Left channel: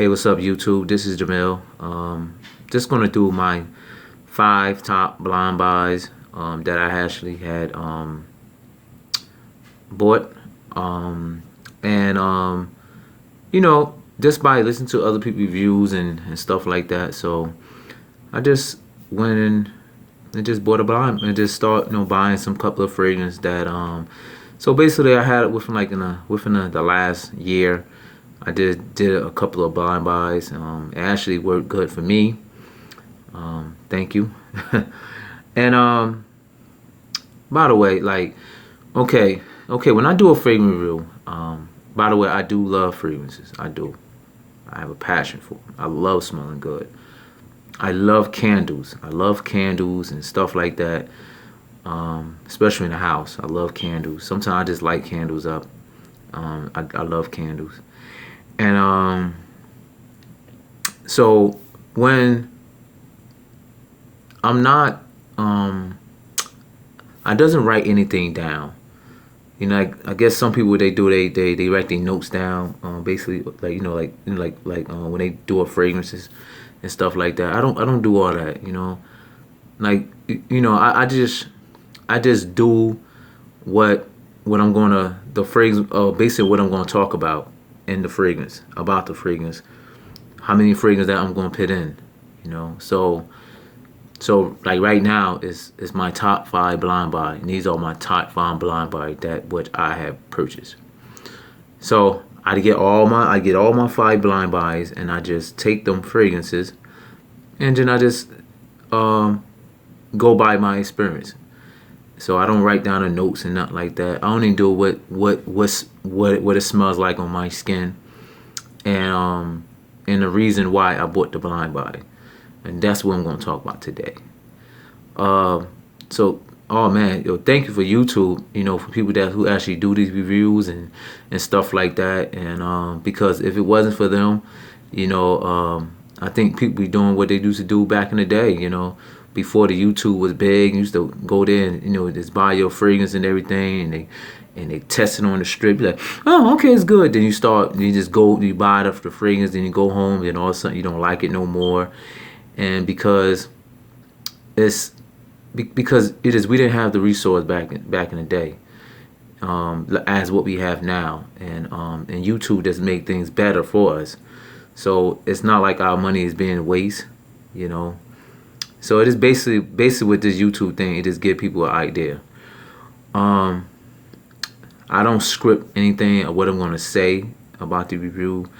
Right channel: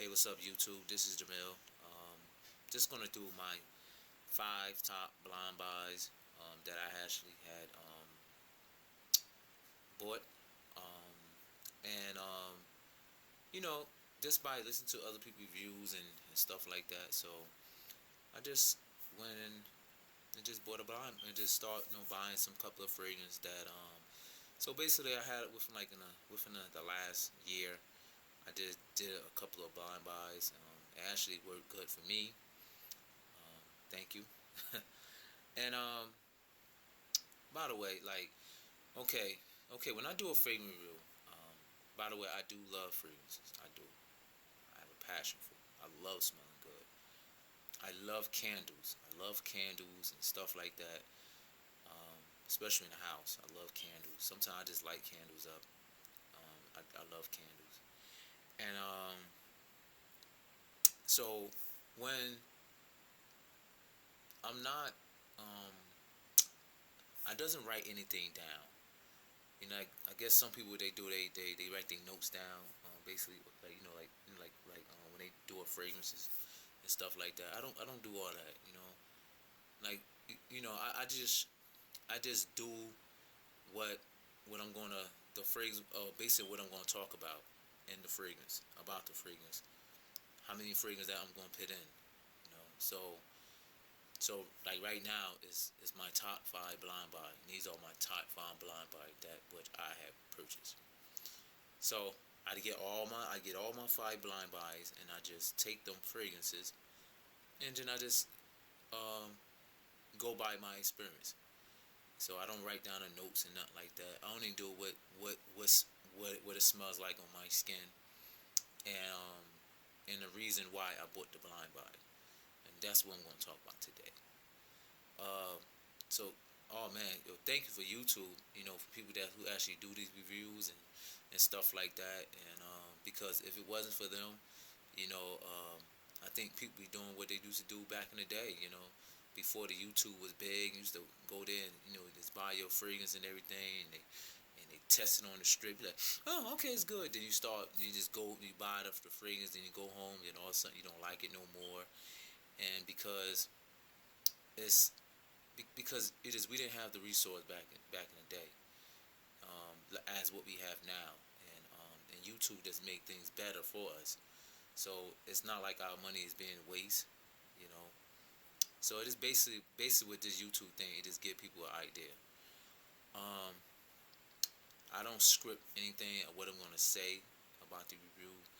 Hey, what's up, YouTube? This is Jamil. Just gonna do my 5 top blind buys that I actually had bought, and just by listening to other people's reviews and stuff like that. So I just went in and just bought a blind and just start buying some couple of fragrances that So basically, I had it within the last year. I did a couple of blind buys. It actually worked good for me. Thank you. And by the way, like, okay, when I do a fragrance review, by the way, I do love fragrances. I do. I have a passion for them. I love smelling good. I love candles. I love candles and stuff like that. Especially in the house, I love candles. Sometimes I just light candles up. I love candles. And so when I'm not, I doesn't write anything down. I guess some people they write their notes down. Basically, like when they do a fragrances and stuff like that. I don't do all that. I just do what I'm gonna the fragrance. Basically what I'm gonna talk about in the fragrance, about the fragrance, how many fragrance that I'm gonna put in. So like right now is my top 5 blind buy. And these are my top 5 blind buy that what I have purchased. So I get all my 5 blind buys, and I just take them fragrances, and then I just go by my experience. So I don't write down the notes and nothing like that. I only do what it smells like on my skin, and the reason why I bought the blind buy. And that's what I'm going to talk about today. Oh man, thank you for YouTube, for people who actually do these reviews and stuff like that. And because if it wasn't for them, I think people be doing what they used to do back in the day, before the YouTube was big. You used to go there and, just buy your fragrance and everything, and they test it on the strip. Be like, oh, okay, it's good. Then you just go, you buy it after the fragrance, then you go home, and all of a sudden you don't like it no more. And because we didn't have the resource back in the day, as what we have now, and YouTube just make things better for us. So it's not like our money is being waste, So it is basically with this YouTube thing, it just give people an idea. I don't script anything of what I'm gonna say about the review,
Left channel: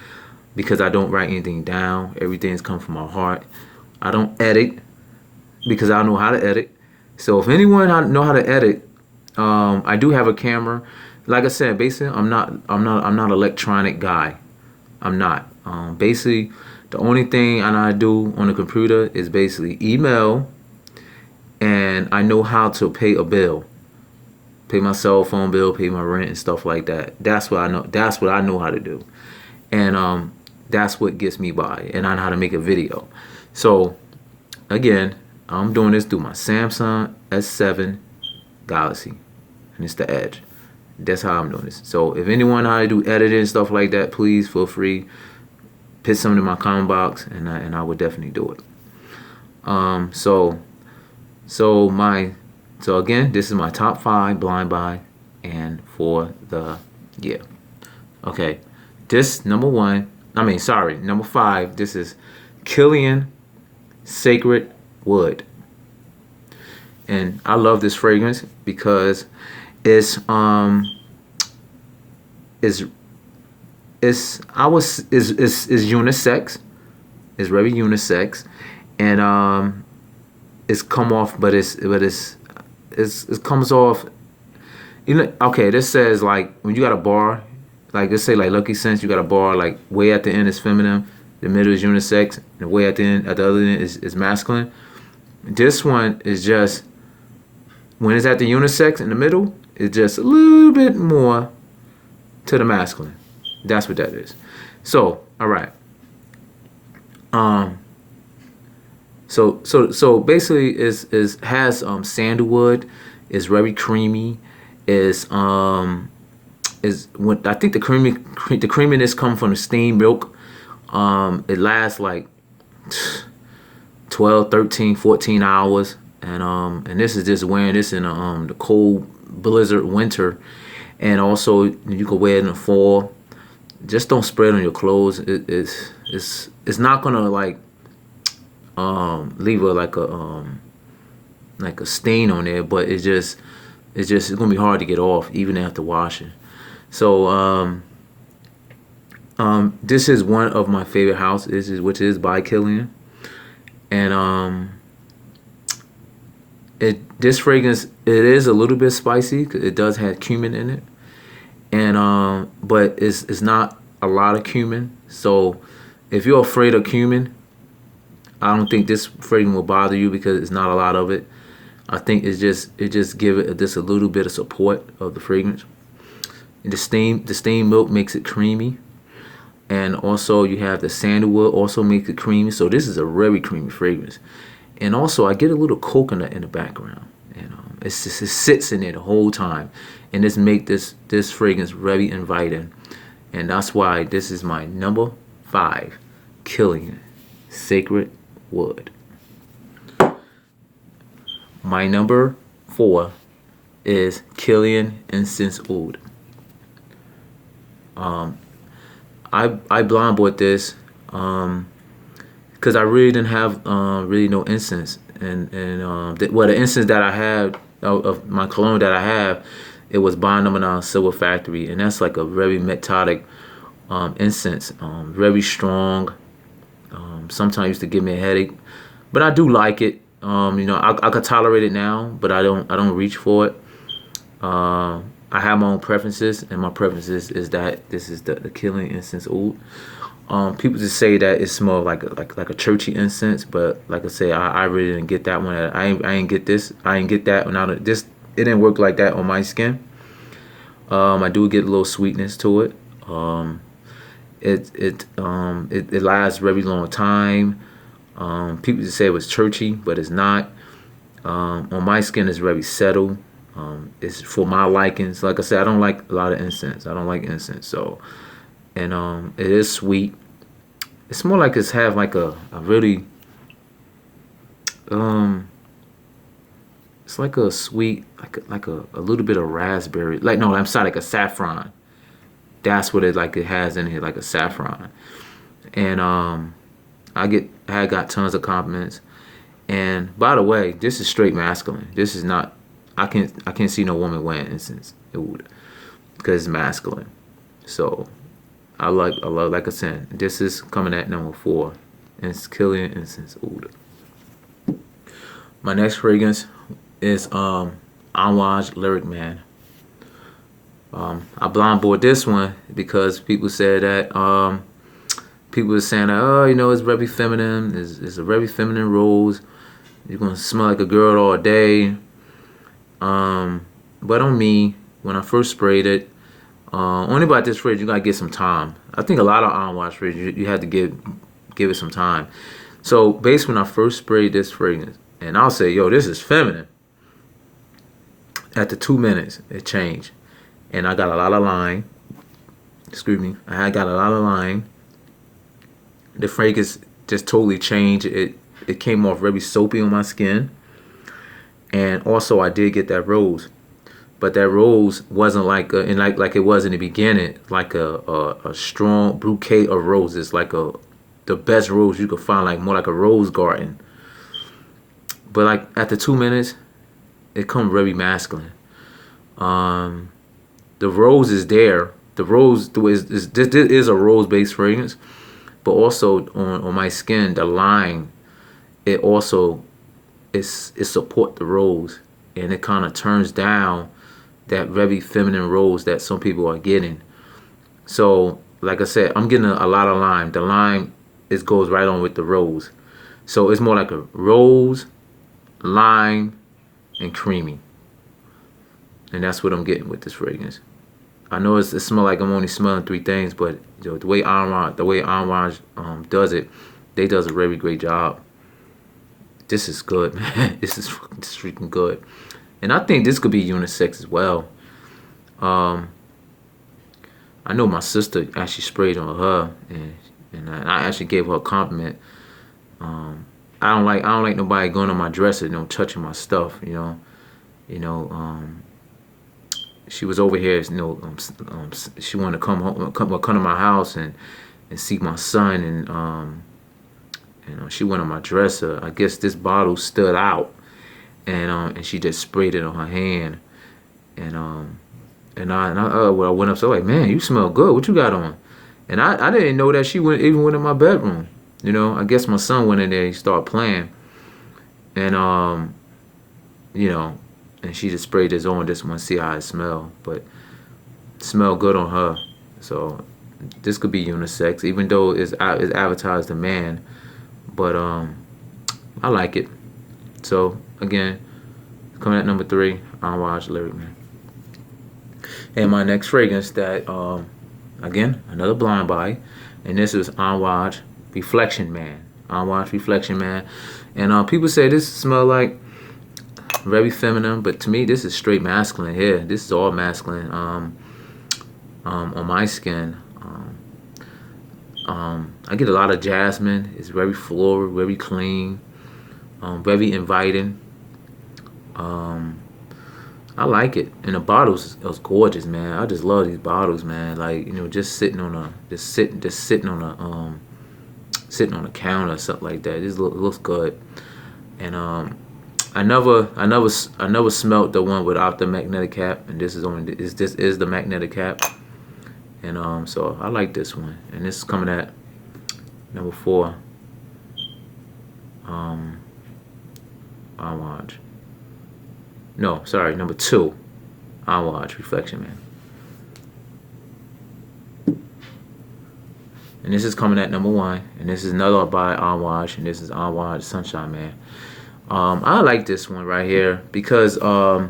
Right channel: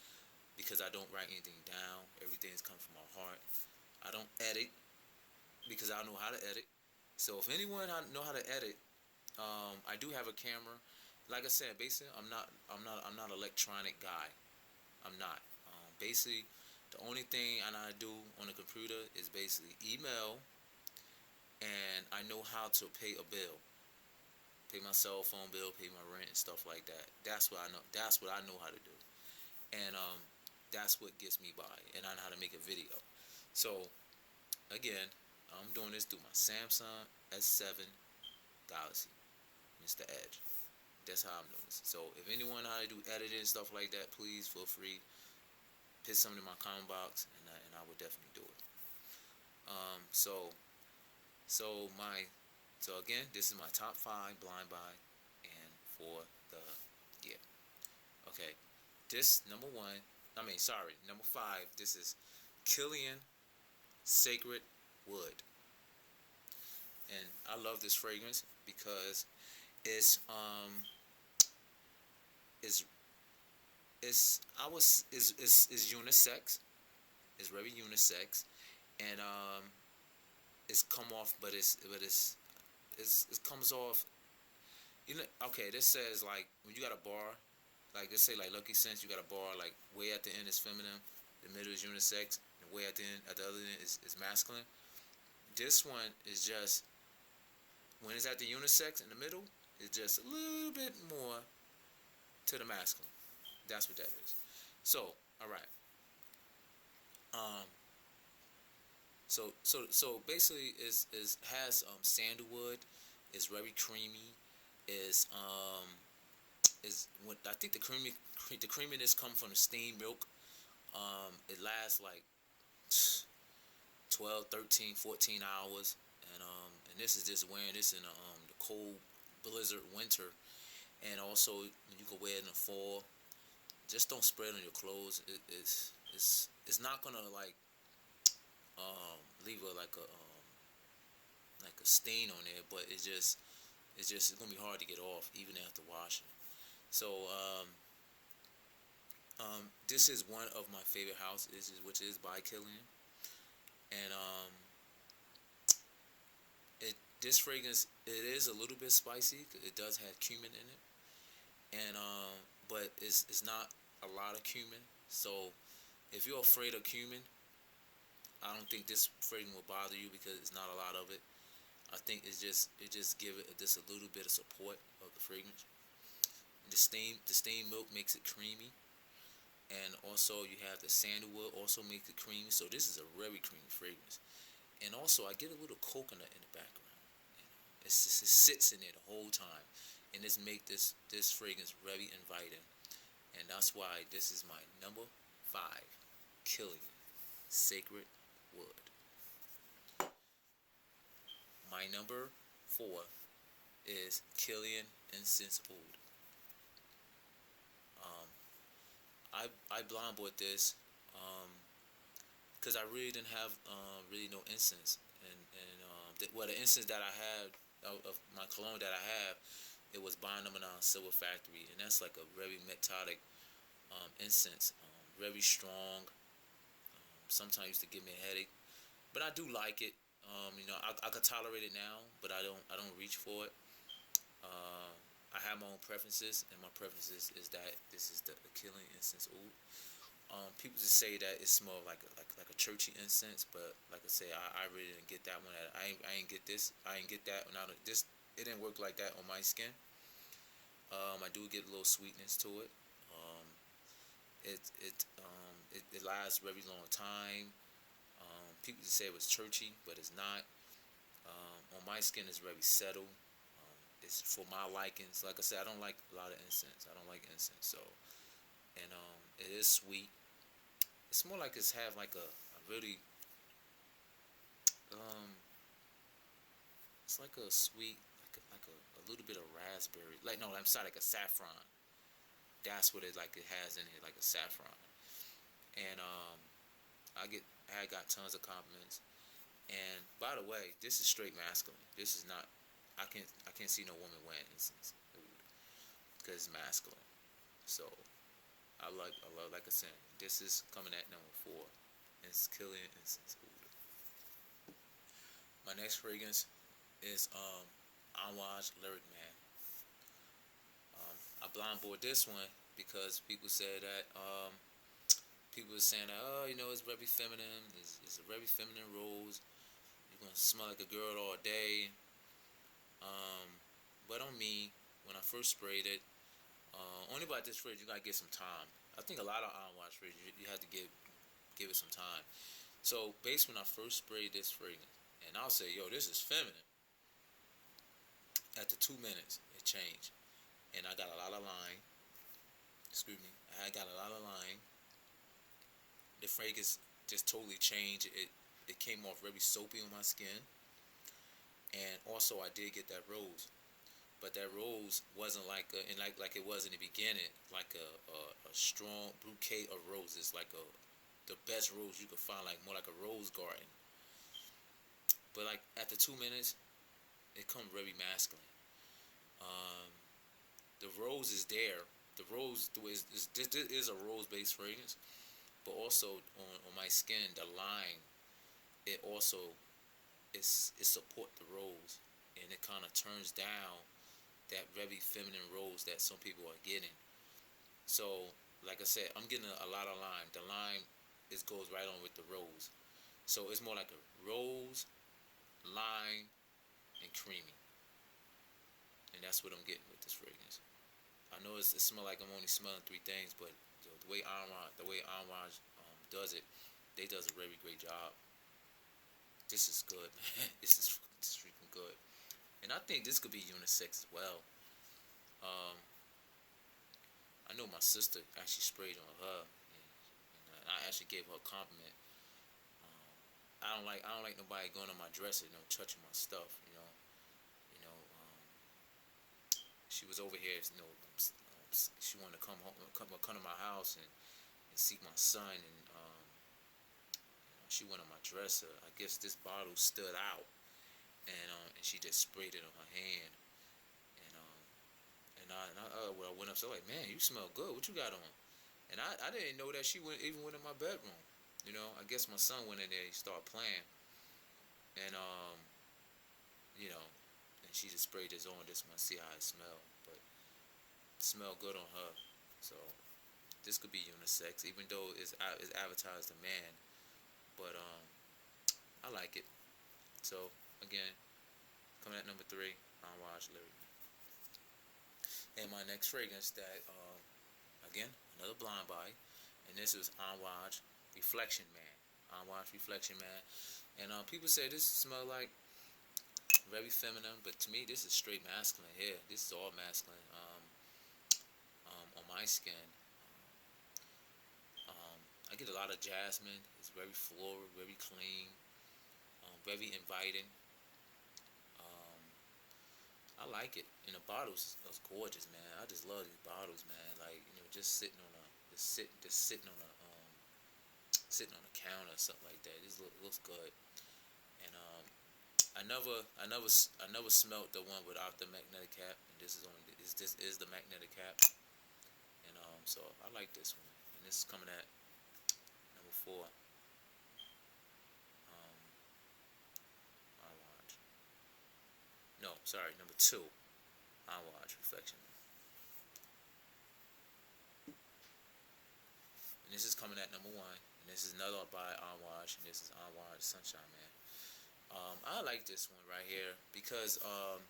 because I don't write anything down. Everything's come from my heart. I don't edit, because I know how to edit. So if anyone know how to edit, I do have a camera. Like I said, basically I'm not an electronic guy. I'm not. Basically, the only thing I do on the computer is basically email, and I know how to pay a bill, pay my cell phone bill, pay my rent and stuff like that. That's what I know. That's what I know how to do, and that's what gets me by. And I know how to make a video. So again, I'm doing this through my Samsung S7 Galaxy, and it's the Edge. That's how I'm doing this. So if anyone know how to do editing and stuff like that, please feel free. Put something in my comment box, and I would definitely do it. So again, this is my top 5 blind buy, and for the year. Okay, this number 5. This is Killian Sacred Wood, and I love this fragrance because it's unisex. It's very unisex, and it's come off, but it comes off. Okay, this says like when you got a bar, like let's say like Lucky Sense, you got a bar like way at the end is feminine, the middle is unisex, and way at the end, at the other end is masculine. This one is just, when it's at the unisex in the middle, it's just a little bit more to the masculine. That's what that is. So, all right. So basically, has sandalwood. Is very creamy. Is when I think the creaminess comes from the steamed milk. It lasts like 12, 13, 14 hours. And this is just wearing this in the cold blizzard winter. And also you can wear it in the fall. Just don't spray it on your clothes. It's not gonna like leave a like a stain on there, but it's gonna be hard to get off even after washing. So this is one of my favorite houses, which is by Killian, and this fragrance, it is a little bit spicy 'cause it does have cumin in it, and but it's not a lot of cumin. So if you're afraid of cumin, I don't think this fragrance will bother you because it's not a lot of it. I think it just give it just a little bit of support of the fragrance. And the steamed milk makes it creamy, and also you have the sandalwood also makes it creamy. So this is a very creamy fragrance. And also I get a little coconut in the background, and it sits in there the whole time, and this make this fragrance very inviting, and that's why this is my number 5, Killian Sacred Wood. My number 4 is Killian Incense Oud. I blind bought this because I really didn't have really no incense, and the incense that I have of my cologne that I have, it was Bond Number 9 Silver Factory, and that's like a very metallic incense, very strong. Sometimes used to give me a headache, but I do like it. I could tolerate it now, but I don't reach for it. I have my own preferences, and my preferences is that this is the Killian Incense Oud. People just say that it smells like a churchy incense, but like I say, I really didn't get that one. I ain't get this. I ain't get that one. It didn't work like that on my skin. I do get a little sweetness to it. It lasts a very long time. People just say it was churchy, but it's not. On my skin, it's very settled. It's for my likings. Like I said, I don't like a lot of incense. I don't like incense. So, and it is sweet. It's more like it's have like a really it's like a sweet like a little bit of raspberry. Like no, I'm sorry, like a saffron. That's what it has in here, like a saffron. And I had got tons of compliments. And by the way, this is straight masculine. This is not. I can't see no woman wearing incense. It would, because it's masculine. So I love like I said. This is coming at number 4, and it's Killian Incense Oud. My next fragrance is Amouage Lyric Man. I blind bought this one because people said that people were saying that, oh, it's very feminine. It's a very feminine rose. You're gonna smell like a girl all day. But on me, when I first sprayed it, only about this fragrance, you gotta get some time. I think a lot of Amouage fragrance, you have to give it some time. So basically, when I first sprayed this fragrance, and I'll say, yo, this is feminine. After 2 minutes, it changed, and I got a lot of line. Excuse me, I had got a lot of line. The fragrance just totally changed. It came off very soapy on my skin. And also I did get that rose, but that rose wasn't like like it was in the beginning, like a strong bouquet of roses, like the best rose you could find, like more like a rose garden. But like after 2 minutes, it comes very masculine. The rose is there. The rose this is a rose based fragrance, but also on my skin, the line, it also it support the rose, and it kind of turns down that very feminine rose that some people are getting. So like I said, I'm getting a lot of lime. The lime goes right on with the rose, so it's more like a rose, lime, and creamy, and that's what I'm getting with this fragrance. I know it smells like I'm only smelling 3 things, but the way Amouage does it, they does a very great job. This is good, man. This is freaking good. And I think this could be unisex as well. I know my sister actually sprayed on her, and and I actually gave her a compliment. I don't like nobody going on my dresser, touching my stuff, you know. She was over here, she wanted to come home, come to my house and see my son, and she went on my dresser. I guess this bottle stood out, and she just sprayed it on her hand, and when I went up, so like, man, you smell good. What you got on? And I didn't know that she even went in my bedroom. I guess my son went in there. He started playing, and you know, and she just sprayed this on. Just want to see how it smelled, but it smelled good on her. So this could be unisex, even though it's advertised a man. But I like it. So again, coming at number 3, Entourage Lyric Man. And my next fragrance that again, another blind buy, and this is Entourage Reflection Man. Entourage Reflection Man. And people say this smell like very feminine, but to me this is straight masculine here. This is all masculine on my skin. I get a lot of jasmine. It's very floral, very clean, very inviting. I like it, and the bottles is gorgeous, man. I just love these bottles, man. Like, just sitting on a sitting on a counter or something like that. This looks good, and I never smelt the one without the magnetic cap, and this is the magnetic cap, and so I like this one, and this is coming at number 4. Entourage. No, sorry, number 2. Entourage Reflection Man. And this is coming at number 1, and this is another by Entourage, and this is Entourage Sunshine Man. I like this one right here because, like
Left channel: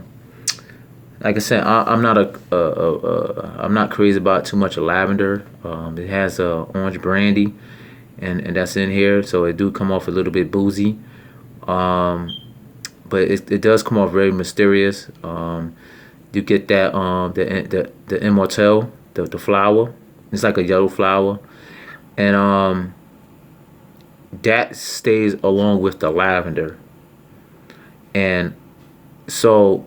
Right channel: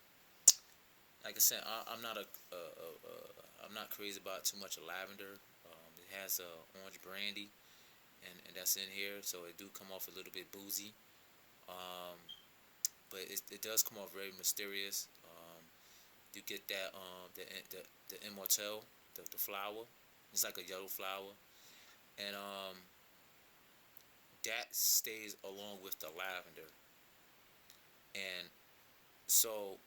I said, I'm not crazy about too much of lavender. It has orange brandy, and that's in here, so it do come off a little bit boozy. But it does come off very mysterious. You get that the immortelle, the flower. It's like a yellow flower, and that stays along with the lavender. And so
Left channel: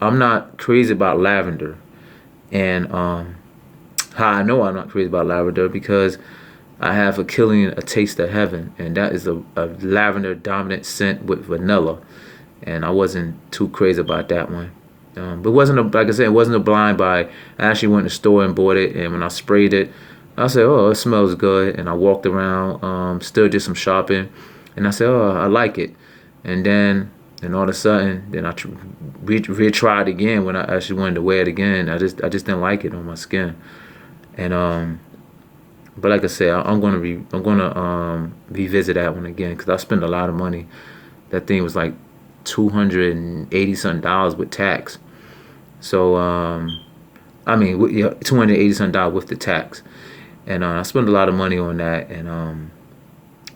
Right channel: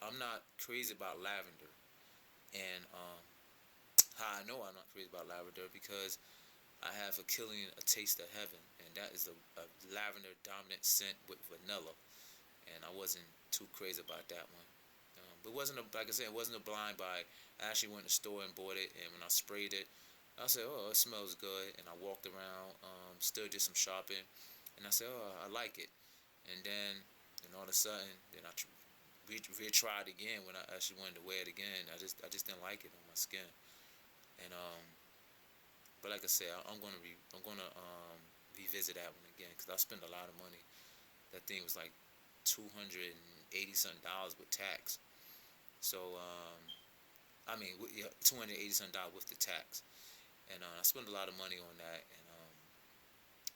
I'm not crazy about lavender, and how I know I'm not crazy about lavender because I have a Killing a Taste of Heaven, and that is a lavender dominant scent with vanilla, and I wasn't too crazy about that one. But like I said, it wasn't a blind buy. I actually went to the store and bought it, and when I sprayed it, I said, oh, it smells good, and I walked around, still did some shopping, and I said, oh, I like it. And then all of a sudden, then I retried again when I actually wanted to wear it again. I just didn't like it on my skin, and but like I said, I'm gonna revisit that one again because I spent a lot of money. That thing was like $280 something with tax. So I mean, $280 something with the tax, and I spent a lot of money on that. And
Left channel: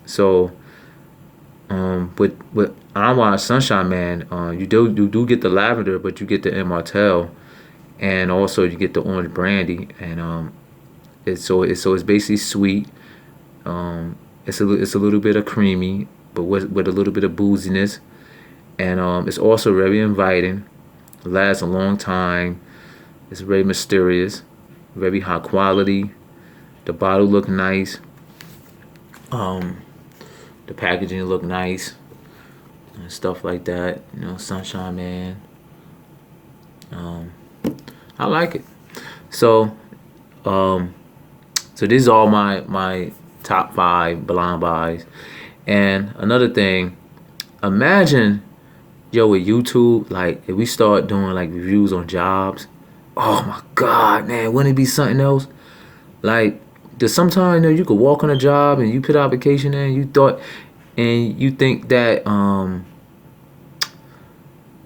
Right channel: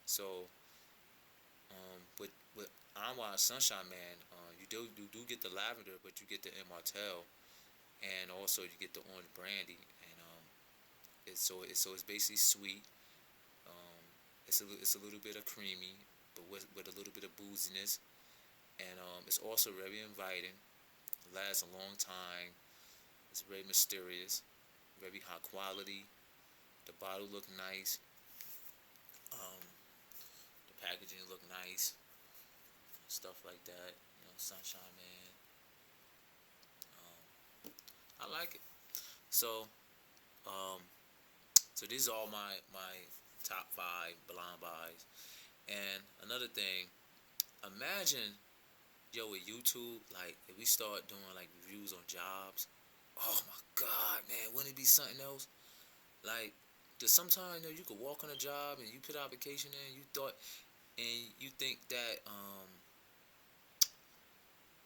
so with Entourage Sunshine Man, you do get the lavender, but you get the immortelle, and also you get the orange brandy, and it's basically sweet. It's a little bit of creamy, but with a little bit of booziness, and it's also very inviting. It lasts a long time. It's very mysterious, very high quality. The bottle look nice. The packaging look nice and stuff like that. Sunshine Man. I like it. So these are all my top 5 blind buys. And another thing, imagine, with YouTube, like if we start doing like reviews on jobs, oh my God, man, wouldn't it be something else? Like, there's sometimes you could walk on a job and you put an application in, and you think that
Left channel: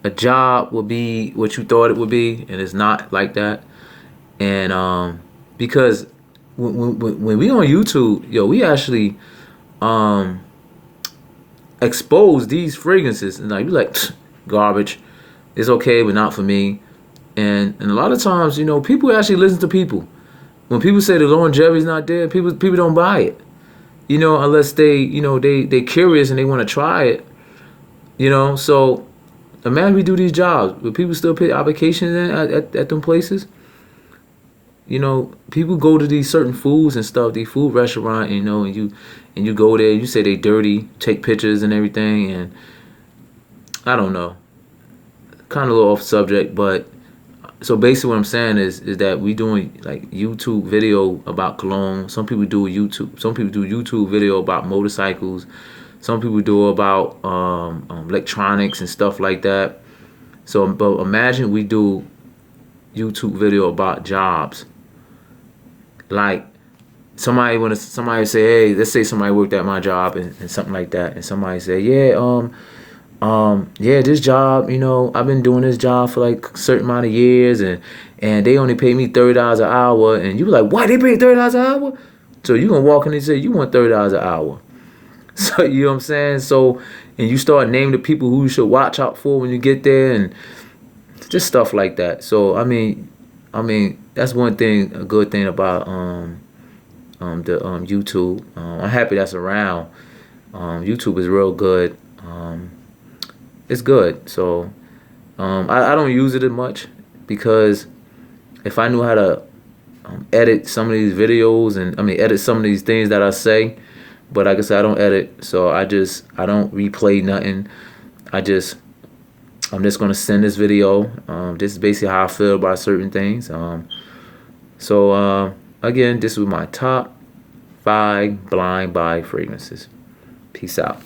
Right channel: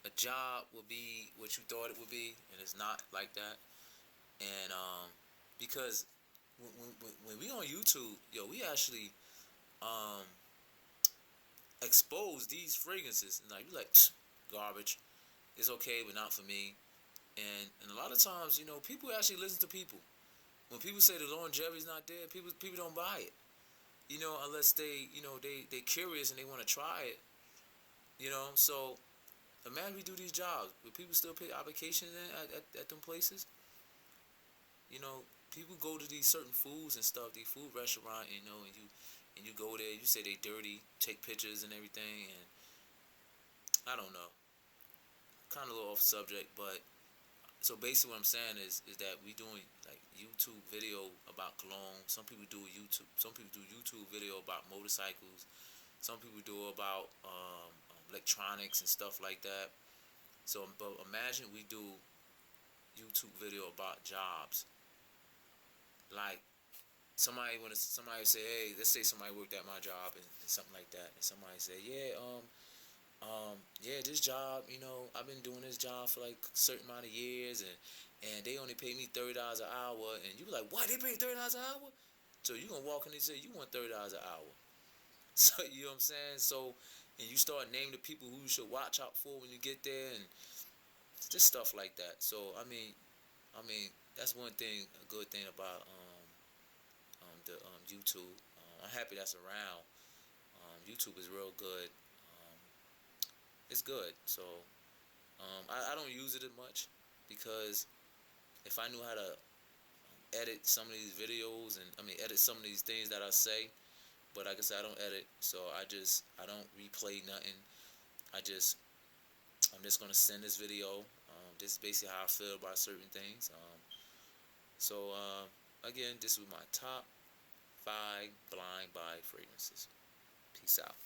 a job will be what you thought it would be, and it's not like that. And because when we on YouTube, we actually expose these fragrances, and like, be like, garbage, it's okay, but not for me. And a lot of times, people actually listen to people. when people say the longevity's not there, people don't buy it. You know, unless they curious and they want to try it. You know, so imagine we do these jobs, but people still put applications in at them places. You know, people go to these certain foods and stuff, these food restaurant, you know, and you go there, you say they dirty, take pictures and everything, and I don't know, kind of a little off subject, but so basically what I'm saying is that we doing like YouTube video about cologne. Some people do YouTube. Some people do YouTube video about motorcycles. Some people do about electronics and stuff like that. So, but imagine we do YouTube video about jobs. Like somebody say, hey, let's say somebody worked at my job and something like that, and somebody say, yeah, yeah, this job, you know, I've been doing this job for like a certain amount of years, and they only pay me $30 an hour, and you be like, what? They pay $30 an hour? So you gonna walk in and say you want $30 an hour? So you know what I'm saying? So and you start naming the people who you should watch out for when you get there, and just stuff like that. So I mean that's one thing, a good thing about the YouTube. I'm happy that's around. YouTube is real good. It's good. So I don't use it as much because if I knew how to edit some of these videos and edit some of these things that I say, but like I said, I don't edit, so I don't replay nothing. I'm just gonna send this video. This is basically how I feel about certain things. So again, this was my top 5 blind buy fragrances. Peace out.